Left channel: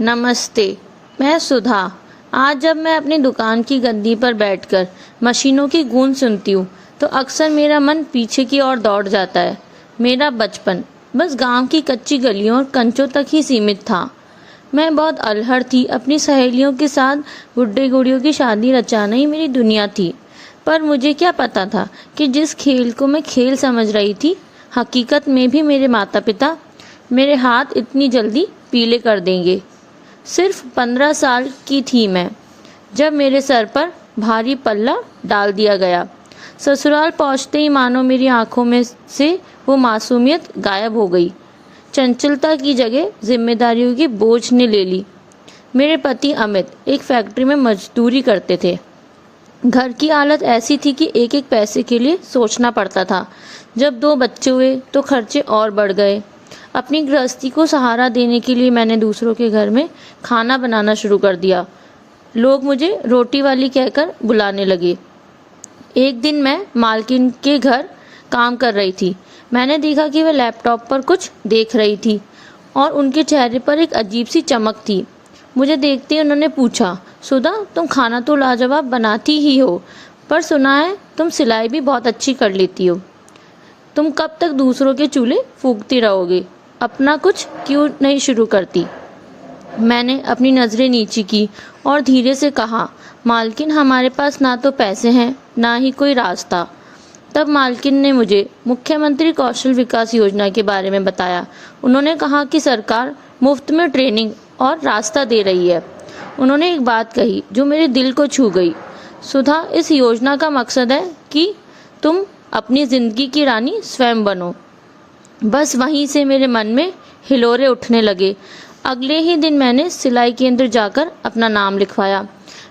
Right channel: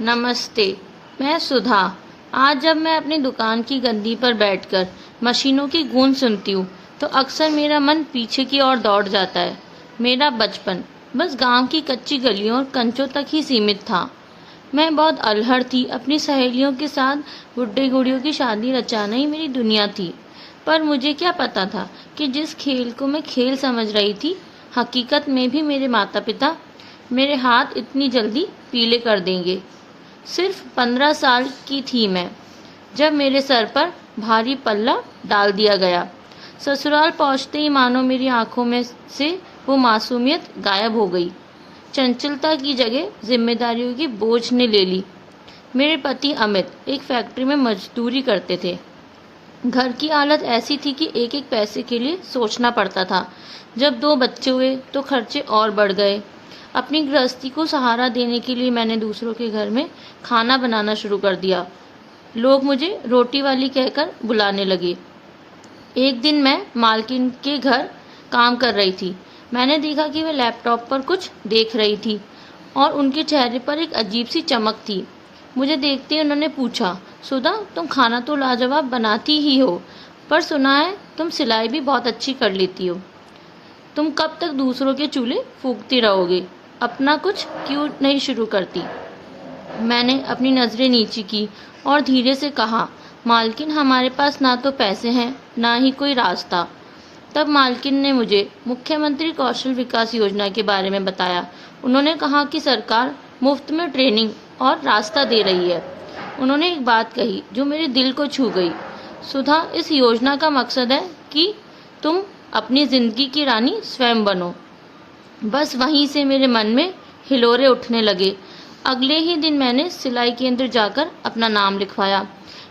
नमस्ते, मैं सुधा। आज जब मैं अपनी दुकान की गद्दी पर बैठकर मशीनों की गूंज सुनती हूँ तो अक्सर मेरा मन पीछे की ओर दौड़ जाता है। मेरा बचपन बस गांव की कच्ची गलियों और कंचों तक ही सीमित था। मैं बहुत अल्हड़ थी, अपनी सहेलियों के साथ गुड्डे गुड़ियों की शादी रचाना ही मेरी दुनिया थी। पर मुझे क्या पता था कि जिस खेल को मैं खेल समझ रही थी, हकीकत में भी मेरे माता पिता मेरे हाथ इतनी जल्दी पीले कर देंगे। सिर्फ 15 साल की थी मैं जब मेरे सर पर भारी पल्ला डाल दिया गया। ससुराल पहुंचते ही मानो मेरी आंखों में से वो मासूमियत गायब हो गई। चंचलता की जगह जिम्मेदारियों की बोझ ने ले ली। मेरे पति अमित एक फैक्ट्री में मजदूरी करते थे। घर की हालत ऐसी थी कि एक एक पैसे के लिए सोचना पड़ता था। जब 2 बच्चे हुए तो खर्चे और बढ़ गए। अपनी गृहस्थी को सहारा देने के लिए मैंने दूसरों के घर में खाना बनाना शुरू कर दिया। लोग मुझे रोटी वाली कहकर बुलाने लगे। एक दिन मैं मालकिन के घर काम कर रही थी। मैंने देखा कि वह लैपटॉप पर कुछ देख रही थी और उनके चेहरे पर एक अजीब सी चमक थी। मुझे देखते ही उन्होंने पूछा, सुधा, तुम खाना तो लाजवाब बनाती ही हो, पर सुना है तुम सिलाई भी बहुत अच्छी कर लेती हो। तुम कब तक दूसरों के चूल्हे फूंकती रहोगे? अपना कुछ क्यों नहीं शुरू करती? मैंने अपनी नज़रें नीची की और धीरे से कहा, मालकिन, हमारे पास ना तो पैसे हैं ना ही कोई रास्ता। तब मालकिन ने मुझे मुख्यमंत्री कौशल विकास योजना के बारे में बताया। उन्होंने कहा कि सरकार मुफ्त में ट्रेनिंग और रास्ता दे रही है। उन्होंने एक बात कही जो मेरे दिल को छू गई, सुधा, इस योजना का मकसद है कि तुम अपनी जिंदगी की रानी स्वयं बनो। बस वहीं से मेरे मन में हिलोरे उठने लगे। अगले ही दिन मैंने सिलाई केंद्र जाकर अपना नाम लिखवाया।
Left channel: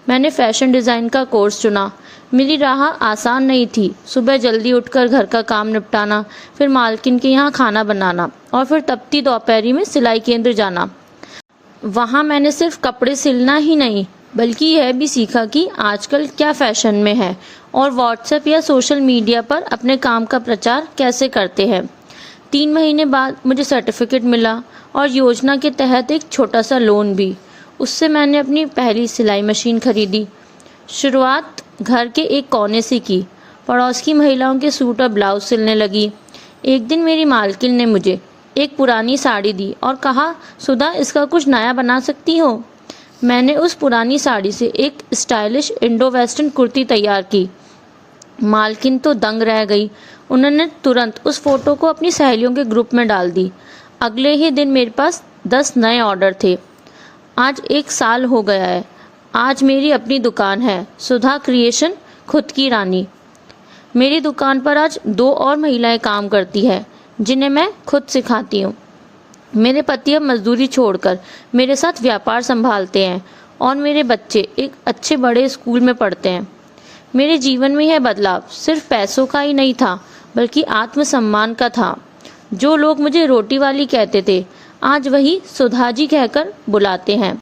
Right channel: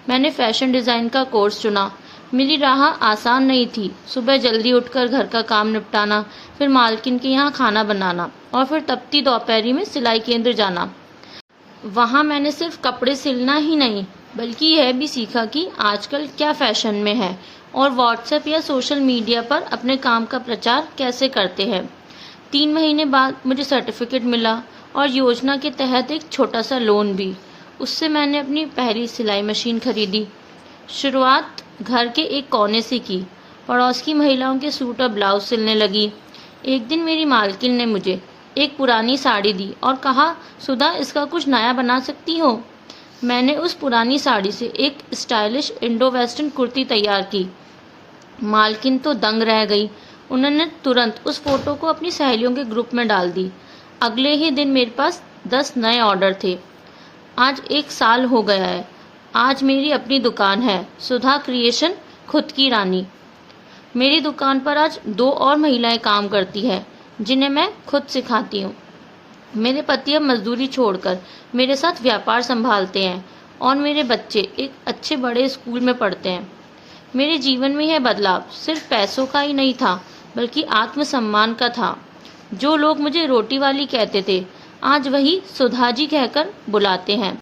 मैंने फैशन डिज़ाइन का कोर्स चुना। मेरी राह आसान नहीं थी। सुबह जल्दी उठकर घर का काम निपटाना, फिर मालकिन के यहाँ खाना बनाना और फिर तपती दोपहरी में सिलाई केंद्र जाना। वहाँ मैंने सिर्फ कपड़े सिलना ही नहीं बल्कि यह भी सीखा कि आजकल क्या फैशन में है और व्हाट्सएप या सोशल मीडिया पर अपने काम का प्रचार कैसे करते हैं। 3 महीने बाद मुझे सर्टिफिकेट मिला और योजना के तहत एक छोटा सा लोन भी। उससे मैंने अपनी पहली सिलाई मशीन खरीदी। शुरुआत घर के एक कोने से की। पड़ोस की महिलाओं के सूट और ब्लाउज सिलने लगी। एक दिन मेरी मालकिन ने मुझे एक पुरानी साड़ी दी और कहा, सुधा, इसका कुछ नया बना सकती हो। मैंने उस पुरानी साड़ी से एक स्टाइलिश इंडो वेस्टर्न कुर्ती तैयार की। मालकिन तो दंग रह गई। उन्होंने तुरंत उस फोटो को अपनी सहेलियों के ग्रुप में डाल दी। अगले ही दिन मेरे पास 10 नए ऑर्डर थे। आज 1 साल हो गया है। आज मेरी अपनी दुकान है, सुधा क्रिएशन, खुद की रानी। मेरी दुकान पर आज 2 और महिलाएं काम करती है जिन्हें मैं खुद सिखाती हूँ। मेरे पति अब मजदूरी छोड़कर मेरे साथ व्यापार संभालते हैं और मेरे बच्चे एक अच्छे बड़े स्कूल में पढ़ते हैं। मेरे जीवन में यह बदलाव सिर्फ पैसों का ही नहीं था बल्कि आत्मसम्मान का था। जो लोग मुझे रोटी वाली कहते थे आज वही सुधा जी कहकर बुलाते हैं।